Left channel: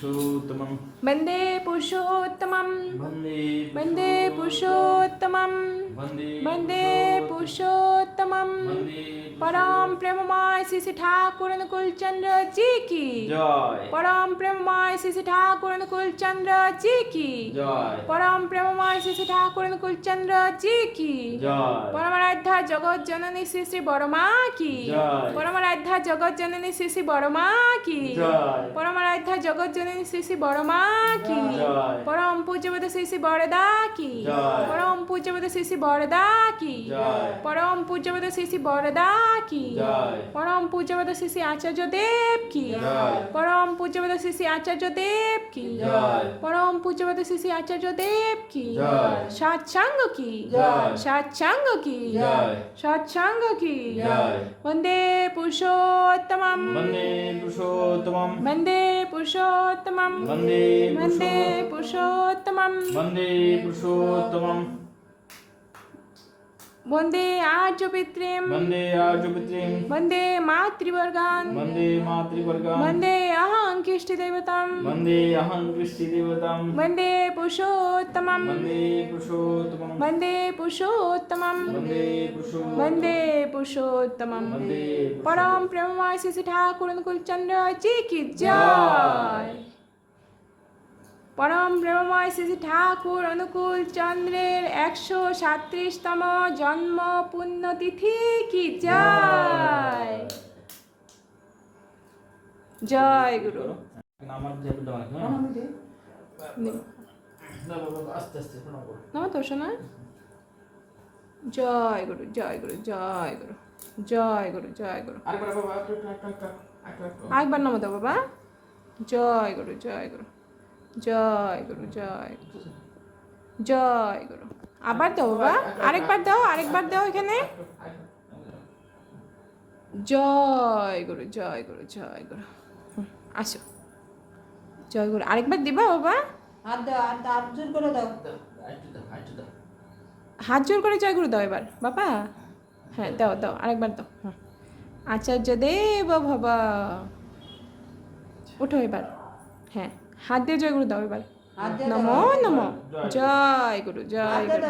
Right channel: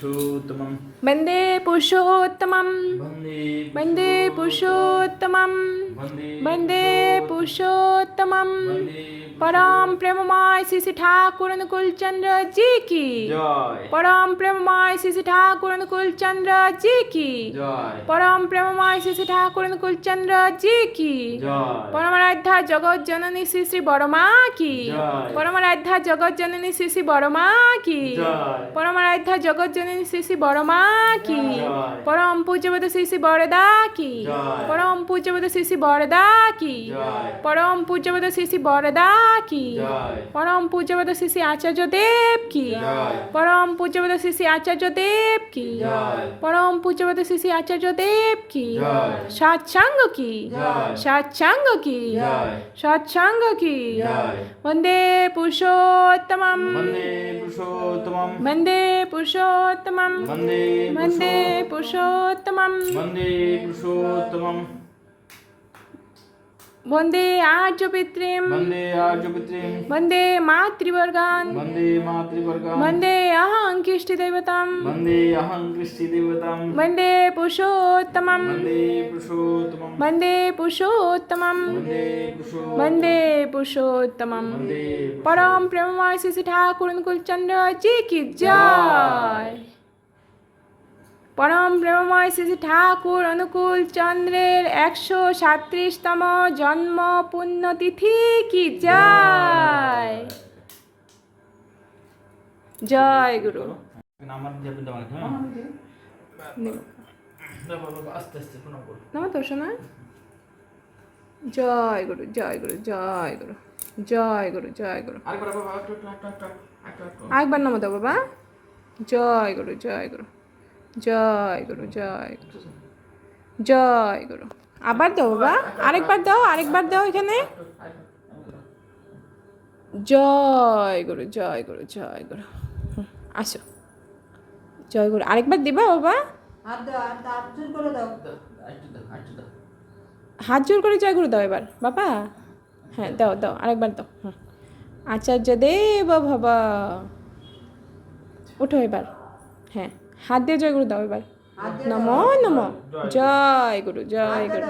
पुरुषोत्तमं वन्दे पुरुषोत्तमं वन्दे पुरुषोत्तमं वन्दे पुरुषोत्तमं परम प्रेममय श्री श्री ठाकुर अनुकूल चंद्र जी की जय परम प्रेममय श्री श्री ठाकुर अनुकूल चंद्र जी की जय परम प्रेममय श्री श्री ठाकुर अनुकूल चंद्र जी की जय परमाराध्या जगत जननी श्री श्री बड़मा की जय परमाराध्या जगत जननी श्री श्री बड़मा की जय परमाराध्या जगत जननी श्री श्री बड़मा की जय परम पूज्यवद श्री श्री बड़दा की जय परम पूज्यवद श्री श्री बड़दा की जय परम पूज्यवद श्री श्री बड़दा की जय परम पूज्यवद श्री श्री आचार्य देव की जय परम पूज्यवद श्री श्री आचार्य देव की जय परम पूज्यवद श्री श्री आचार्य देव की जय सत्संग की जय सत्संग की जय सत्संग की जय वन्दे पुरुषोत्तमं वन्दे पुरुषोत्तमं वन्दे पुरुषोत्तमं वन्दे वन्दे पुरुषोत्तमं वन्दे पुरुषोत्तमं वन्दे आर्यपितॄं वन्दे आर्यपुत्रीं वन्दे मातृवर्गान् वन्दे मातृवर्गान् वन्दे अहं कृष्टिदेवतां वन्दे अहं कृष्टिदेवतां वन्दे पुरुषोत्तमं वन्दे पुरुषोत्तमं वन्दे पुरुषोत्तमं वन्दे पुरुषोत्तमं वन्दे पुरुषोत्तमं वन्दे परम प्रेममय श्री श्री ठाकुर अनुकूल चंद्र जी की जय परम प्रेममय श्री श्री ठाकुर अनुकूल चंद्रेर 137तम जन्म पुण्यतिथि की जय जय गुरु আমার যাবে দাও না হ্যাঁ দাও বাবা আস্তে আস্তে প্রণাম করো নাম তো শোনা জয় গুরু জয় গুরু জয় গুরু জয় গুরু জয় গুরু আরেকবার বাবা একটু আরেকবার নাম দাও বাবা জয় গুরু জয় গুরু জয় গুরু জয় গুরু জয় গুরু আবার দাও বাবা আরেকবার দাও এখানে জয় গুরু জয় গুরু জয় গুরু আসো জয় গুরু আরেকবার দিবা বাবা হাত জোর করে জয় গুরু দাও এবার বাবা হ্যাঁ দাও দাও আরেকবার দাও হ্যাঁ আচার্য দেব ভব ওঠো এবার হ্যাঁ হাত দিয়ে জয় গুরু দাও এবার নমো নমো জয় গুরু জয় গুরু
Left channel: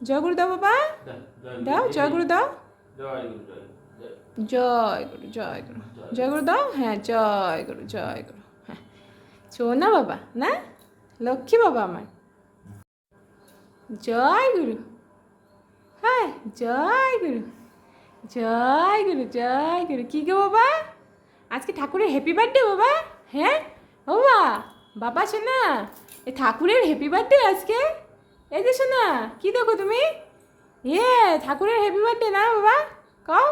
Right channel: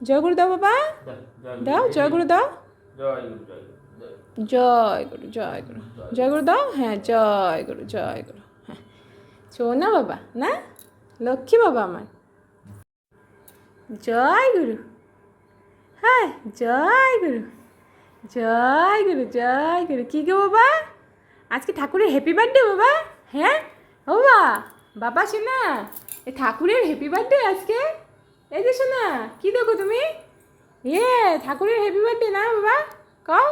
জয় গুরু দাও বাবা দাও জয় গুরু দাও জয় গুরু জয় জয় গুরু জয় গুরু জয় গুরু দাও হ্যাঁ জয় গুরু হ্যাঁ শোনা বাবা না লক্ষ্মী বাবা আমার জয় গুরু হ্যাঁ জয় গুরু জয় গুরু জয় গুরু কী গো বাবা আজকে ঠাকুরের হ্যাপি বার্থডে বাবা হ্যাঁ বাবা বাবা শোনা এ ঠাকুরের হ্যাপি বার্থডে আজকে এই যে শোনা কী দেখো তুমি ঠাকুরের হ্যাপি বার্থডে না বাবা কও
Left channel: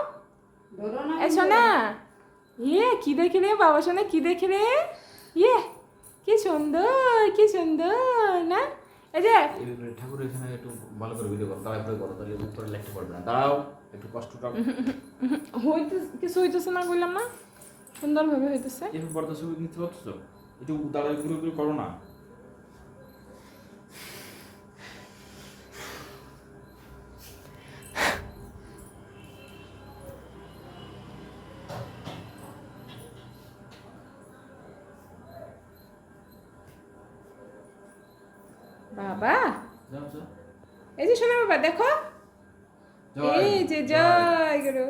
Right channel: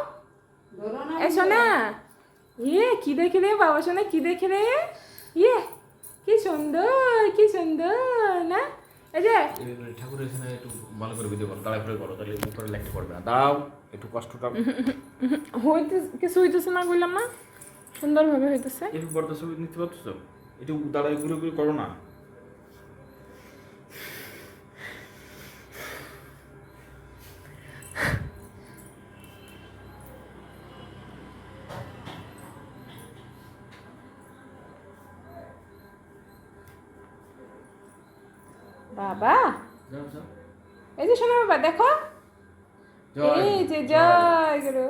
এ শোনা কি দেখে রে বাবা শোনা কি দেখে রে কি সুন্দর না এই যে ঠাকুরের এখানে একটু ভালো করে ভিডিও করো তারপরে করো তাহলে মুখ করে লিখতে পারবে না দাঁড়াও একটু কষ্টটা কিছু হইতেছে না বললাম না সুন্দরভাবে হইতেছে এরপর বড় ছবি নিতে পারছো একটু দাঁড়ায় ঘুরে ঘুরে করো না বাবা এই যে শোনা বাবা দেখো এই যে জয় গুরু